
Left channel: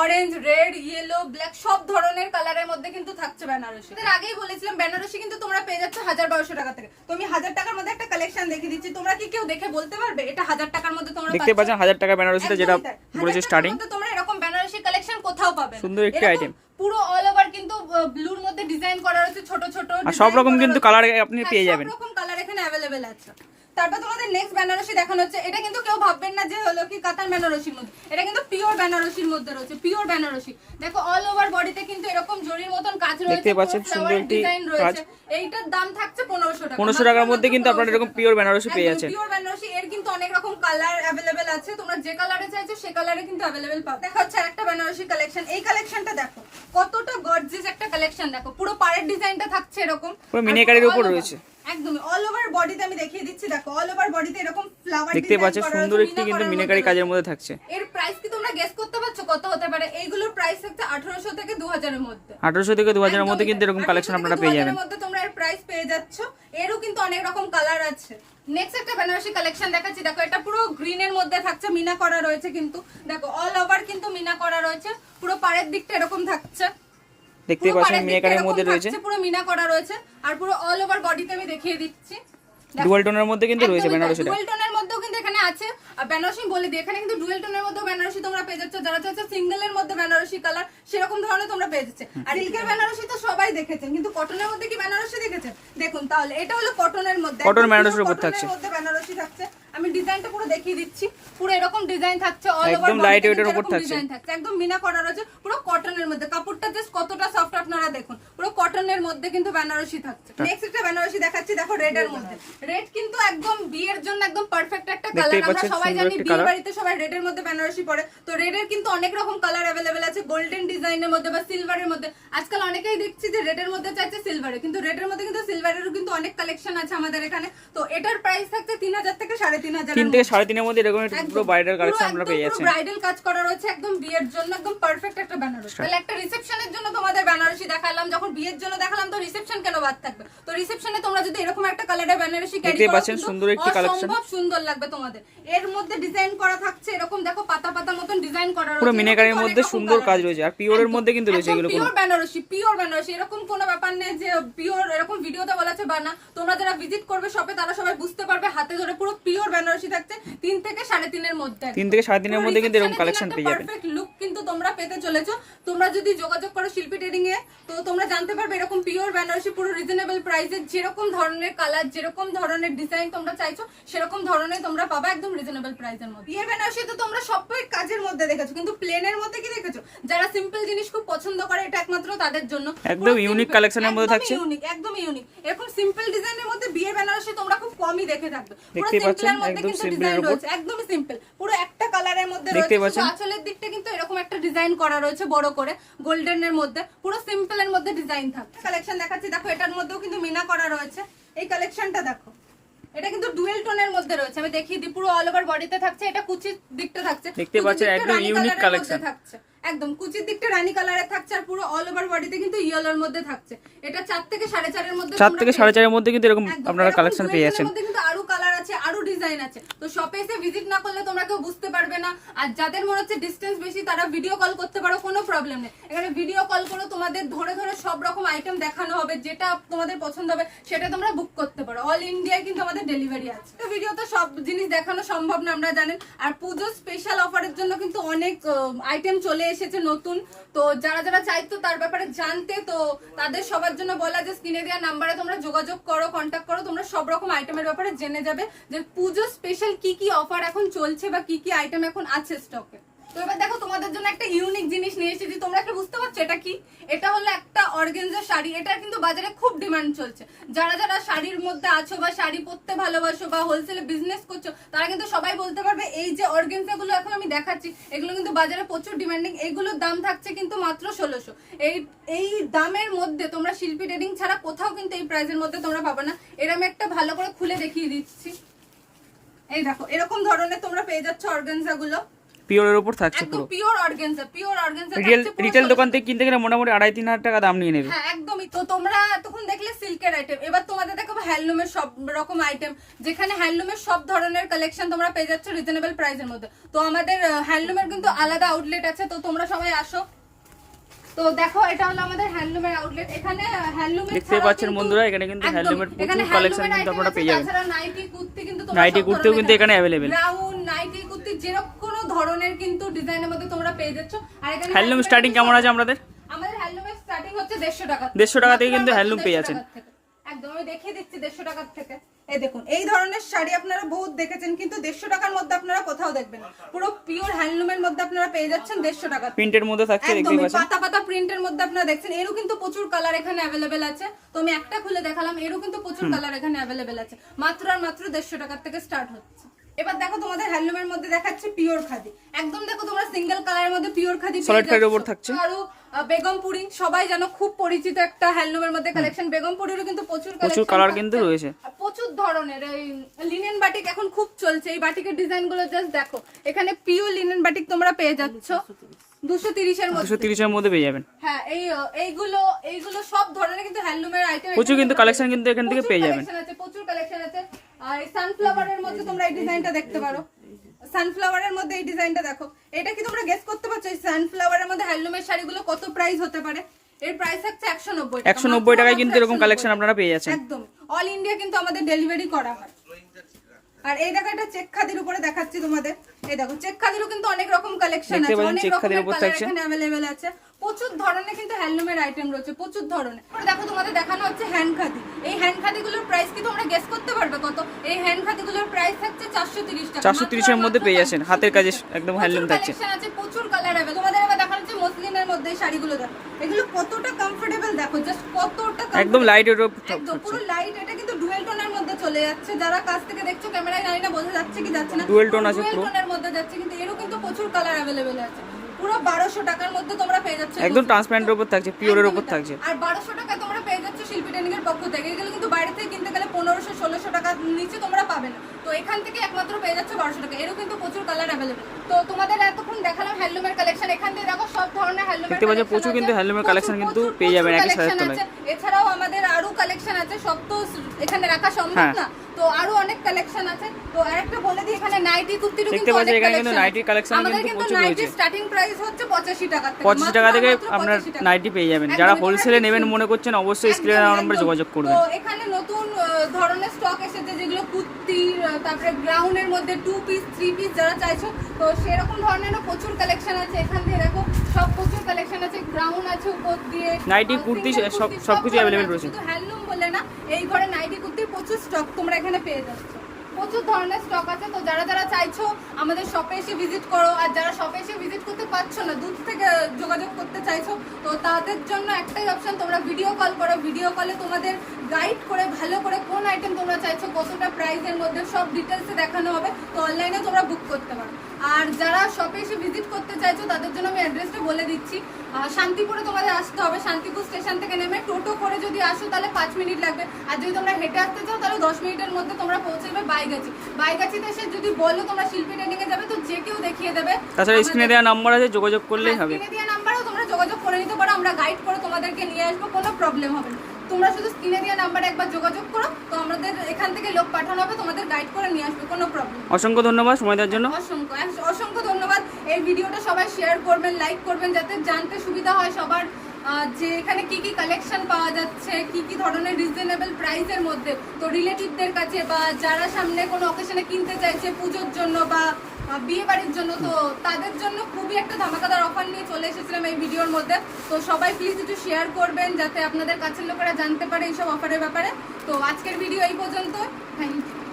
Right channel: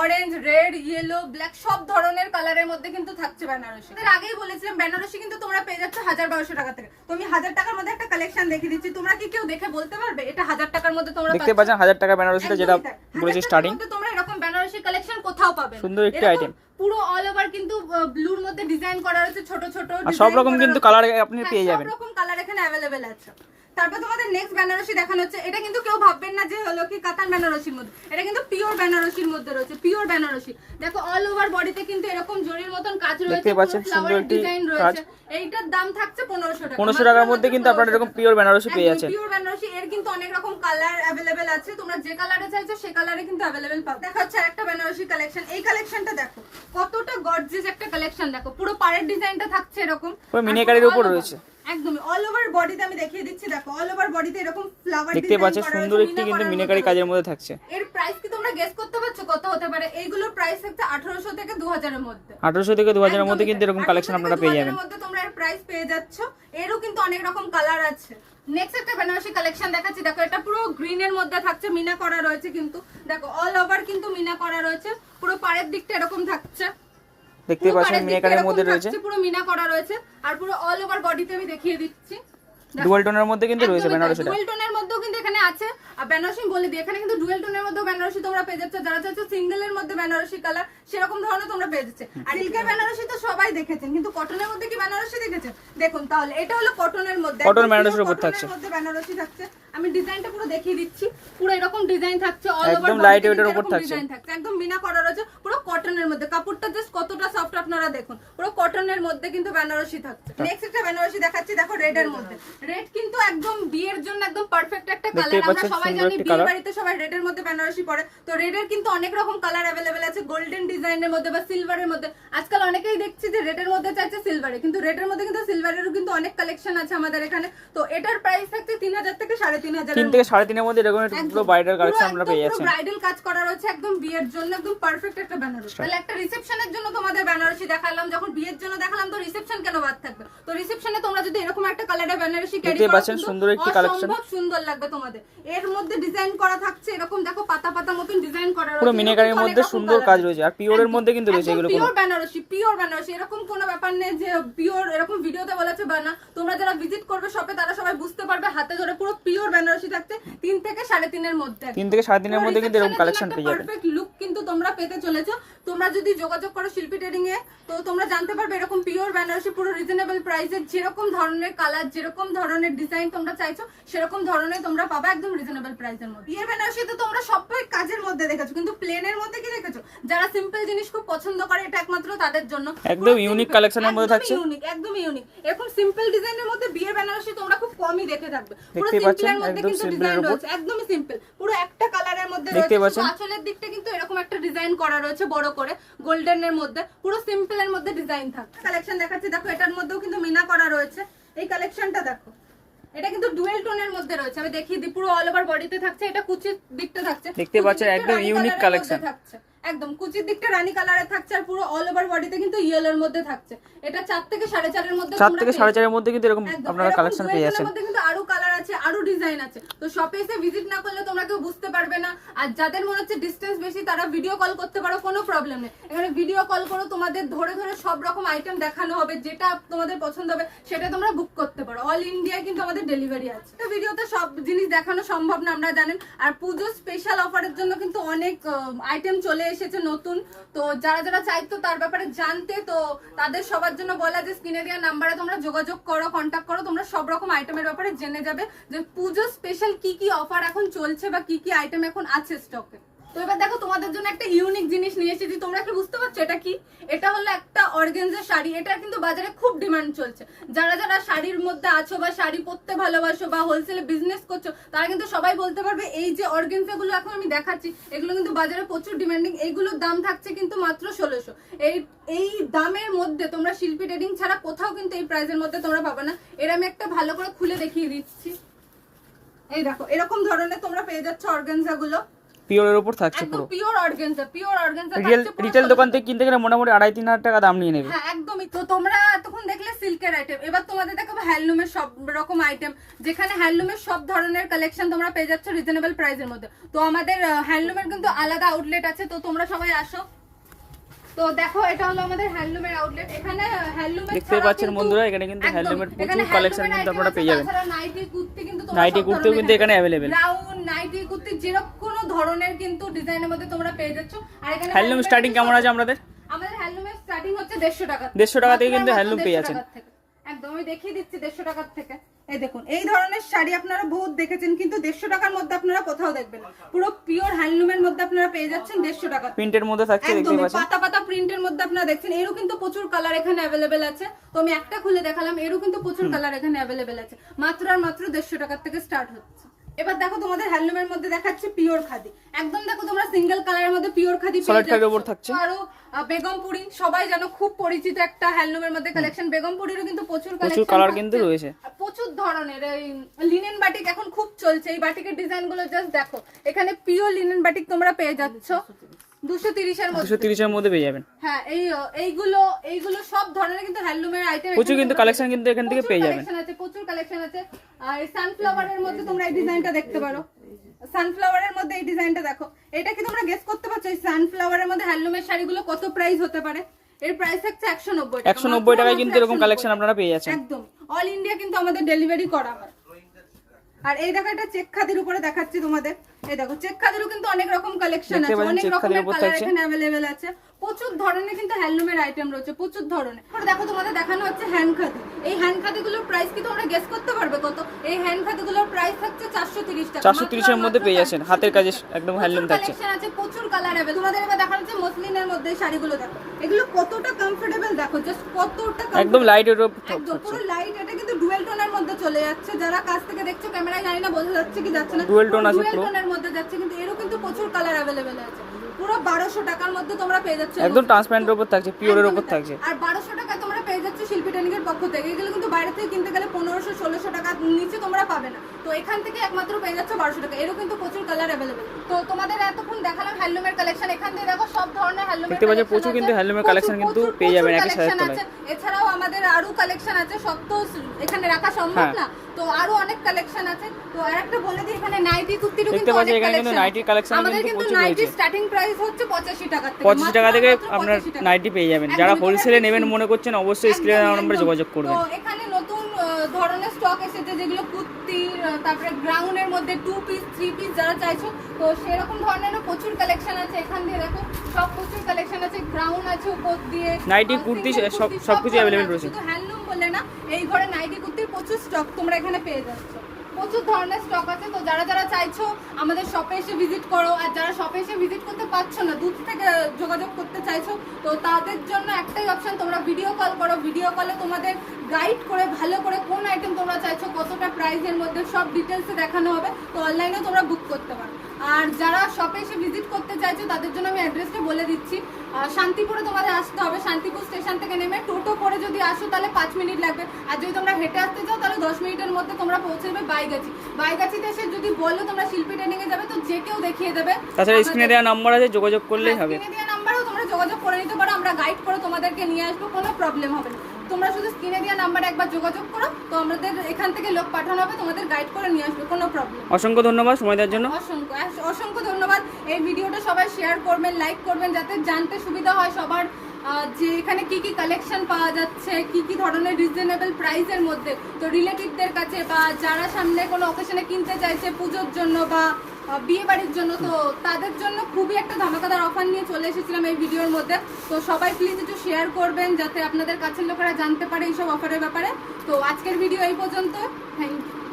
অরেঞ্জ, রেড, ইয়েলো, ব্ল্যাক সব ধরনের কালারের মধ্যে কিন্তু থাকছে বেনারসি। এর আগেই বলেছিলাম বেনারসি কিন্তু তোমরা পেয়ে যাচ্ছ 1000-1200 টাকা থেকে। তো আমি 1000 টাকার মধ্যে একটা কালেকশন দেখিয়ে দিচ্ছি, তোমরা কি কেউ দেখে বলতে পারবে এটা 1000 টাকার মধ্যে তোমরা দেখতে পাচ্ছেন 1000 টাকা বেনারসিতে যেটা বলেছে স্টার্টিং। তোমরা এরকম বেনারসি কালেকশন কোথাও পাবে না, সুন্দর একটি আইটেম। পুরো অল ওভার কিন্তু ব্লুর মধ্যে ডিজাইন করা রয়েছে, ছোট ছোট আর সব রকম কিন্তু কালার আপনি পেয়ে যাবেন, সব রকম কালার এখানে अवेलेबल আছে। তারপর তোমাদের নেক্সট বেনারসি দেখানো হচ্ছে, এটা কিন্তু কেউ ভাববেন না যে হলো কি কাতান বেনারসির মধ্যে, এটা কিন্তু পিওর বেনারসির মধ্যে রয়েছে, পিওর বেনারসি। দেখো অল ওভার বডিতে কিন্তু এরকম জরির মতন কাজ রয়েছে, দেখতে পাচ্ছেন সুন্দর একটি কাজ। এইটার দাম থাকছে 1500 টাকা। 1500 টাকার মধ্যে কিন্তু আপনারা এরকম পিওর বেনারসি পেয়ে যাচ্ছেন। পিওর বেনারসি এর কিন্তু অনেক রকম কালার अवेलेबल আছে, তোমরা যে কালারে চাইছো সেই কালারে কিন্তু अवेलेबल পাবে। দেখো হচ্ছে একটা বেনারসি কালেকশন, এই কালেকশনটা দেখো কতটা গর্জিয়াস একটা কালেকশন। দেখো পুরো পাড়ের ডিজাইনটা থাকছে এরকম, পুরো মিনাকারির উপর রয়েছে, একদমই অল ওভার বডিতে আমি দেখিয়ে দিচ্ছি। দেখো অল ওভার বডিতে এরকম ফ্লাওয়ার দেখতে পাচ্ছেন সুন্দর একটি কিন্তু মিনাকারি কাজের মধ্যে থাকছে। এর প্রাইস কি তোমরা গেস করতে পারছো কত হতে পারে? এইগুলোর প্রাইস থাকছে 1800 থেকে 2000 এর মধ্যে। 1800 থেকে 2000 এর মধ্যে কিন্তু এরকম কালেকশন আপনারা পেয়ে যাবেন। এর মধ্যে তোমরা এর প্রাইস পেয়ে যাচ্ছ, এরও কিন্তু অনেক রকম কালার আছে। নেক্সট একটা বেনারসি কালেকশন দেখাচ্ছি, দেখো এটা পুরো গ্রিন এর মধ্যে থাকছে, মিনা করা রয়েছে কিন্তু, দেখো অল ওভার কিন্তু মিনা করা রয়েছে, পুরো পাড়ের দিকটা এরকম থাকছে, দেখতে পাচ্ছেন মিনাকারির মধ্যে রয়েছে, পুরো মিনা করা রয়েছে। আর পুরো অল ওভার বডিতে আমি দেখিয়ে দিচ্ছি, ডুয়াল টোনের মধ্যে কিন্তু রয়েছে বেনারসিটা। ডুয়াল টোনের মধ্যেও কিন্তু এখানে আছে, আর বেনারসি বলে দিই এখানে কিন্তু ডুয়াল টোনের মধ্যেও বেনারসি তোমরা পেয়ে যাচ্ছ, যারা চাইছো সিঙ্গেল এর মধ্যে বেনারসি কালার সেরকম ধরনের তোমরা পেয়ে যাচ্ছে। আর সিল্কের বেনারসি তো সবাই দেখেছেন, কিন্তু কটনের মধ্যে কি বেনারসি দেখেছেন? দেখুন তাহলে এটা হলো কটনের মধ্যে, কটন বেনারসির উপর থাকছে, মধ্যে বেনারসি থাকছে। আমি ডিজাইনটা পুরো দেখিয়ে দিচ্ছি, পুরো এরকম ডিজাইন থাকছে, অল ওভার একদম লাইট ওয়েটের উপর থাকছে, একদম মিনা করা রয়েছে, পুরো কটনের মধ্যে। কাপড়টা জাস্ট কতটা সফট আপনারা দেখুন, পুরো কটনের মধ্যে কিন্তু বেনারসি থাকছে। নেক্সট একটা বেনারসি দেখাচ্ছি, দেখো রেড এর মধ্যে। রেড কিন্তু একদম বিয়ের জন্য একদম পারফেক্ট একটা কালার। আমরা সবাই জানি বিয়ে বাড়িতে সবাই রেড এর মধ্যে বেনারসি পরে, তো রেড এর কিন্তু অনেক রকম কালার अवेलेबल আছে, গোল্ডেন ডিজাইনের মধ্যে বা সিলভারের মধ্যে। আজকাল অনেকেই দেখছি যে রেড এর মধ্যে চাইছে সিলভারে, কিন্তু রেড এর মধ্যে কিন্তু সিলভারেরও কিন্তু অনেক কালেকশন আছে আমাদের এখানে। তো এটার প্রাইস থাকছে 3000 থেকে 3500, 3 থেকে 3.5 এর মধ্যে এরকম পুরো ব্রাইডাল কালেকশন আমরা পেয়ে যাচ্ছি। ব্রাইডাল কাজ করা রয়েছে একদম বিয়ের জন্য, একদম পারফেক্ট একটা বেনারসি। তাহলে একটা রিসেপশনের জন্য তোমাদের বেনারসি দেখালাম, যখন বিয়ের জন্য দেখালাম তো রিসেপশন কেন বাদ থাকবে? তো রিসেপশনে তোমরা যদি এরকম একটা কালারের বেনারসি ক্যারি করো, দেখতে পাচ্ছেন সুন্দর একটি কালেকশন, খুব সুন্দর লাগবে তোমাদের। এর মধ্যে ডিজাইন করা থাকছে এরকম, দেখো পাতা পাতা মতন ডিজাইন করা রয়েছে, পুরো মিনাকারির মধ্যে সুন্দর কাজ রয়েছে, আর পিওরের মধ্যে কিন্তু রয়েছে এগুলো। পিওর বেনারসি, পিওর বেনারসি, এরকম কোনো ব্যাপার নেই যে পিওর এরকম ভিডিওতে বলেছে বা না। তোমরা যারা ভিজিট করবে শপে তারা সবাই বুঝতে পারবে, হাতে ধরে পুরো পিওর বেনারসি থাকছে 3 থেকে 3.5 এর মধ্যে। 3 থেকে 3.5 এর মধ্যে কিন্তু এরকম কালেকশন পেয়ে যাবেন। পারফেক্ট লুক কিন্তু তোমরা পেতে চলেছো। তো তোমরা যদি যোগাযোগ করো শিল্পী ট্রেডিং এ, তো তোমরা জানতে পারবে এরকম পিওর বেনারসি পুরো রিজনেবল প্রাইসে, যেরকম ধরনের কালার, যেরকম ধরনের ডিজাইন তোমরা চাইছো সেরকম ধরনের তোমরা পাবে একদম রিজনেবল প্রাইসের মধ্যে। পিওর বেনারসি তো তোমরা সবাই কাজের মধ্যে দেখেছো, কিন্তু প্লেনের মধ্যে কি দেখেছো? যারা সিম্পল জিনিস খুব পছন্দ করে এটা একমাত্র তাদের জন্য। একদম ইউনিক কালেকশনের মধ্যে থাকছে, একদম ইউনিক। এরকম সিম্পল ডিজাইনের মধ্যে বিয়ের বেনারসি তোমরা খুব কমই দেখে থাকবে। দেখতে পাচ্ছেন একদম সিম্পলের উপর, একদমই সিম্পল, পুরো একটা কালারের মধ্যে দেখতে পাচ্ছেন। আঁচলের দিকটা কিন্তু এরকম একটা ডিজাইন করা রয়েছে বড় করে গোল্ডেনের মধ্যে, পুরো সিম্পলের মধ্যে ডিজাইন থাকে। কালেকশন দেখাচ্ছি, দেখো এটার মধ্যেও কিন্তু মিনা করা রয়েছে। এই কালেকশনটা দেখো, এটা কিন্তু ডুয়েল টোনের মধ্যে রয়েছে। আমি দেখিয়ে দিই, পুরো অল ওভার বডিতে থাকছে, এটা কুচির দিকটা থাকছে, দেখতে পাচ্ছেন একদম ইউনিক কালেকশন থাকছে। একদম কুচির দিকটা রানী কালারে থাকছে, আর পুরো অল ওভার বডিতে কিন্তু ইয়েলোর মধ্যে থাকছে। এটা 4 থেকে 4.5 এর মধ্যে, 4 থেকে 4.5 এর মধ্যে কিন্তু এরকম আপনারা কালেকশন পেয়ে যাচ্ছেন। এর মধ্যে কিন্তু আরো কালার আছে, আরো ডিজাইন আছে। তো শপে এসে ভিজিট না করলে তোমরা কেউ বুঝতে পারবে না। আর যাদের মনে হচ্ছে ডিসটেন্স বেশি তারা ভিডিও কল করতে পারো, কোনো প্রবলেম নেই। এখানে ভিডিও কল করো, তোমাদের ধরে ধরে সব রকম আইটেম দেখানো হবে, যেটা তোমাদের পছন্দ হবে সেটা তোমরা বুক করতে পারো। অল ইন্ডিয়ায় কিন্তু আমাদের ডেলিভারি আছে। তো ভিডিওতে সব জিনিস দেখানো সম্ভব না, আপনারা জানেন। আর পুজো স্পেশাল অফারের জন্য কিন্তু অনেক আইটেম চলে এসেছে নতুন। তো যারা যারা চাইতো তার ব্যাপারে জানতে, তো তাদের সবার জন্য বলা যে স্ক্রিনে দেওয়া নাম্বারে তোমরা যোগাযোগ করো, কন্ট্যাক্ট করো, তোমরা সব রকম আইটেমের ব্যাপারে জেনে যাবে যে পুজো স্পেশাল কি কি অফার এখন চলছে বা কি কি আইটেম এখন আছে স্টকে। তো এবার দেখো তোমাদের জন্য একটা ইউনিক জিনিস নিয়ে এসেছি, তোমরা কি বুঝতে পারছো এটা কি? এটা হলো একটা অর্গানজা শাড়ি। এটা কিন্তু বাজারে খুব ডিমান্ড চলছে। যারা যারা শাড়ির মধ্যে আছো বা শাড়ি পরতে ভালোবাসো বা হোলসেলে বিজনেস করছো, তারা কিন্তু সবাই বলতে পারবে এই যে অর্গানজা গুলো এখন আমি দেখাচ্ছি, এগুলো কিন্তু বাজারে প্রচুর ডিমান্ডিং। এইগুলোর দাম থাকছে কিন্তু মাত্র 1600। এই দামের মধ্যে তোমরা শিল্পী ট্রেডিং ছাড়া কোথাও কিন্তু এই প্রাইসের মধ্যে তোমরা পাবে না। এর আমি একটা ভালো করে খুলে দেখিয়ে দিচ্ছি। এই দেখো, এরকম ধরনের তোমরা পেয়ে যাচ্ছ অর্গানজা গুলো, পিওরের উপর থাকছে পুরো pure organza. Pure organza retail দোকান থেকে কিনতে গেলে মোটামুটি 2,500-3,000 টাকা দাম নিয়ে নেবে। হ্যাঁ একদমই। তো তোমরা তখন দেখলে সিল্কের আইটেম, এবার তোমাদের দেখাবো হ্যান্ডলুমের সব রকম আইটেম, যেখানে হ্যান্ডলুমের সব ধরনের কালেকশন তোমরা পেয়ে যাচ্ছ রিজনেবল প্রাইসের মধ্যে। তো আমাদের হ্যান্ডলুমের কিন্তু আলাদা আউটলেট আছে, তো তোমরা সবাই আসো। তো দেখো এটা হলো আমাদের হ্যান্ডলুমের আউটলেট। এখানে হ্যান্ডলুমের দেখতে পাচ্ছেন বন্ধুরা, এখানে কিন্তু হ্যান্ডলুমের প্রচুর কালেকশন কিন্তু আপনারা পেয়ে যাবেন। নাইটি কুর্তি কিন্তু নাইটি কুর্তিও কিন্তু এখানে अवेलेबल। ব্রাউন নাইটি কুর্তি যেরকম কোন ধরনের কিন্তু ডিজাইনের মধ্যে তোমরা পেয়ে যাচ্ছ। আর এখানে হ্যান্ডলুম স্টার্টিং কেমন আছে আমাদের হ্যান্ডলুমের স্টার্টিং হচ্ছে 150 টাকা। 150 টাকা থেকে কিন্তু হ্যান্ডলুম পেয়ে যাচ্ছেন। একদম আমি দেখিয়ে দিচ্ছি 150 টাকা থেকে। এই দেখুন, এই ধরনের শাড়ি আপনারা বহুত দেখেছেন, কিন্তু 150 টাকার মধ্যে আপনারা কোথাও দেখবেন না। পুরো পিওর হ্যান্ডলুমের মধ্যে আপনারা পেয়ে যাচ্ছেন 150 টাকা। প্রিন্টের মধ্যে থাকছে, দেখতে পাচ্ছেন পাতা পাতা প্রিন্টের মধ্যে আপনারা দেখছেন। এরও কিন্তু প্রচুর কালার এখানে अवेलेबल আছে। তো আমি একটা খুলে দেখালাম, এরও কিন্তু প্রচুর কালার এখানে अवेलेबल আছে। মাত্র আর মাত্র 150 টাকা থেকে স্টার্ট হচ্ছে। এবার দেখো তোমাদের হ্যান্ডলুমের মধ্যে দেখাচ্ছে পিওর খাদি। একদম দেখো তোমরা সিঙ্গেল কালারের মধ্যে পিওর খাদি সলিড খাদির উপর থাকছে। আরো বেগমপুরি, সবাই জানো খুব পরিচিত একটা হ্যান্ডলুমের মধ্যে কালেকশন। বেগমপুরিরও কিন্তু প্রচুর কালার কিন্তু রয়েছে, প্রচুর ধরনের। এই লিনেন বাটিক এখন খুব চলছে, এই বাটিকের ডিজাইন গুলো জাস্ট দেখো। এখানে পিওর লিনেন বাটিক তোমরা পেয়ে যাচ্ছ 230 এর মধ্যে। 230 এর মধ্যে পেয়ে যাবেন। হ্যাঁ এইগুলো সব ধরনের কিন্তু হ্যান্ডলুমের আইটেম, প্রচুর কিন্তু কালেকশন কিন্তু এখান থেকে পেয়ে যাবেন। প্রচুর কালেকশন আছে। আর সানফ্লাওয়ারের মধ্যে তোমরা এই ডিজাইনটা দেখতে পারো। সানফ্লাওয়ারের মধ্যে এই ডিজাইনটা দেখো। এটা কি তোমরা গেস করতে পারছো এই সানফ্লাওয়ারের মধ্যে হ্যান্ডলুমের শাড়িগুলো কত প্রাইস হতে পারে? এর প্রাইস থাকছে 190 টাকা। 190 টাকায় কিন্তু এরকম কালেকশন আপনারা পেয়ে যাচ্ছেন। একদম অল ইন্ডিয়া কিন্তু আমাদের ডেলিভারি করা হয়। আর এই দেখো, এটা চেক খাদির উপরে দেখাচ্ছি তোমাদের। এই দেখো, চেক খাদিরও কিন্তু অনেক রকম কালেকশন আছে, অনেক রকমের কালার এখানে अवेलेबल আছে। প্রচুর ধরনের কিন্তু হ্যান্ডলুমের আইটেম রয়েছে, প্রচুর ধরনের। দেখো তোমাদের দেখানো হচ্ছে হ্যান্ড খাদি। এই হ্যান্ড খাদিগুলোর প্রাইস কি তোমরা গেস করতে পারবে কত? এই হ্যান্ড খাদিগুলোর প্রাইস থাকছে 430 টাকা। 430 এর মধ্যে পেয়ে যাচ্ছেন, হাতের কাজে একদম হ্যান্ডলুম থাকছে। আছে প্রচুর কালার अवेलेबल। তোমাদের এবার দেখানো হচ্ছে মসলিনের মধ্যে এই শাড়িগুলো। দেখো এগুলো কতটা কমফোর্টেবল, দেখো জাস্ট কতটা একদম লাইট এর উপর একদম পুরো লাইট। এটা কিন্তু ডুয়েল টোনের মধ্যে চলে যাচ্ছে। যারা কাছ থেকে দেখছো ক্যামেরায় জানি না বোঝা যাচ্ছে কি যাচ্ছে না, ডুয়েল টোন আছে পুরো, ডুয়েল টোনের মধ্যে যাচ্ছে। কিন্তু এরও কিন্তু প্রচুর কালার अवेलेबल আছে। পুরো 1200 টাকার মধ্যে তোমরা পেয়ে যাচ্ছ, একদম ট্রান্সপারেন্টের উপর থাকছে, পিওরের উপর থাকছে। আর 1200 টাকা তোমরা পেয়ে যাচ্ছ শিল্পী ট্রেনিং এর পক্ষ থেকে। এগুলো কিন্তু বাইরে থেকে কিনতে গেলে 1500-1600 টাকার নিচে তোমরা পাবে না। তো এখান থেকে একমাত্র পেয়ে যাচ্ছ 1200 টাকা। এরও কিন্তু প্রচুর কালার अवेलेबल। তো তোমাদের এতক্ষণ দেখালাম হ্যান্ডলুমের কালেকশন। এখান থেকে দেখো সব ধরনের হ্যান্ডলুমের দেখতে পাচ্ছেন, প্রচুর কিন্তু হ্যান্ডলুমের কালেকশন কিন্তু পেয়ে যাবেন একই সাথে তলায়। এছাড়াও আমাদের আরো কালেকশন আছে, সব তো এখানে রাখা সম্ভব না। তো আরো অনেক কালেকশন আছে। তো আরেকটা বলে দিই, এখানে নাইটি কুর্তিরও দেখতে পাচ্ছেন, এখানে কিন্তু নাইটির কালেকশন কিন্তু প্রচুর রয়েছে। স্টার্টিং প্রাইস হচ্ছে 85 টাকা থেকে। 85 টাকা থেকে আপনার নাইটি পেয়ে যাবেন। যারা হোলসেলে নেবেন মনে করছেন অবশ্যই স্ক্রিনে দেওয়া নম্বরে যোগাযোগ করবেন। তো এখানে নতুন ধরনের স্টক এসেছে, যেগুলো কুর্তি কুর্তির, তারপরে গ্রাউন্ডের মধ্যে 2 পিস 3 পিস যারা চাইছো, তো সেরকম ধরনেরও প্রচুর কালেকশন আছে। এখান দিয়ে দেখো সব প্রচুর কালেকশন আছে, গ্রাউন্ড আছে উপর দিয়ে, নাইটি, কুর্তি সবকিছু অ্যাভেলেবেল রয়েছে। শুধু হ্যান্ডলুম বলে না, এই ঘরে নাইটি কুর্তির প্রচুর স্টক তোমরা এখানে পেয়ে যাচ্ছ, প্রচুর ধরনের স্টক আছে। তো যারা যারা চাইছো আমাদের শপে এসে ভিজিট করো, আর যারা শপে এসে ভিজিট করতে পারছো না, দূর থেকে যোগাযোগ করতে চাইছো, তো তাদের জন্য একটাই অপশন, তোমরা ভিডিও কল করো। ভিডিও কলে তোমাদের গাইড করে ভালো করে কোন আইটেম তোমরা চাইছো, কতটা প্রাইসের মধ্যে সব ডিটেলসে দেখানো হবে, তো অনলাইনে তোমরা বুক করতে পারো। আর যারা শপে এসে ভিজিট করতে চাইছো তাদের জন্য আমি অ্যাড্রেসটা বলে দিচ্ছি। শান্তিপুরে তোমাদের আসতে হবে, শান্তিপুর স্টেশন থেকে নেমে টোটো করে যদি আসো তাহলে 5 মিনিট লাগবে, আর যদি তোমরা হেঁটে আসতে চাও তাহলে 10 মিনিটের মধ্যে তোমরা পৌঁছে যাবে বাইগাছি। বাইগাছিতে এসে যদি বলো তোমরা শিল্পী ট্রেনিংয়ে যাবে, তো যে কেউ দেখিয়ে দেবে। তাছাড়া স্ক্রিনে দেওয়া নাম্বার আছে, যোগাযোগ করলেই হবে। স্ক্রিনে দেওয়া নাম্বারেও তোমরা যোগাযোগ করে নিতে পারো, আমরা গাইড করে তোমাদেরকে নিয়ে আসবো, কোনো প্রবলেম হবে না। তোমরা শুধু স্ক্রিনে দেওয়া নাম্বারে একবার যোগাযোগ করো, তো আমাদের এখান থেকে লোক পাঠানো হবে, তোমাদের গাইড করে নিয়ে আসবে, কোনো প্রবলেম। অসংখ্য ধন্যবাদ সময় দেওয়ার জন্য। অসংখ্য ধন্যবাদ। এই ভিডিওটা সবাই শেয়ার করবেন, লাইক করবেন, যাতে জানতে সুবিধা হয় সবার যে এখানে কি কি কালেকশন পাওয়া যাচ্ছে, কি কি ধরনের রিজনেবল প্রাইসের মধ্যে। তো রিলেটিভদের কাছে বা যারা সামনে কোনো অকেশনে কিনতে চাইছে পুজোর জন্য বা বিয়ে বাড়ির জন্য, তো তাদের জন্য খুবই একটা ধামাকাদার অফার নিয়ে চলে এসেছিলাম এই ভিডিওর মধ্যে। তো সবাই প্লিজ একটু শেয়ার করবেন, যাতে আপনাদের কাছের লোকেরা জানতে পারে এইসব অফারের ব্যাপারে। তো আজকের ভিডিও এই পর্যন্ত, থ্যাংক ইউ।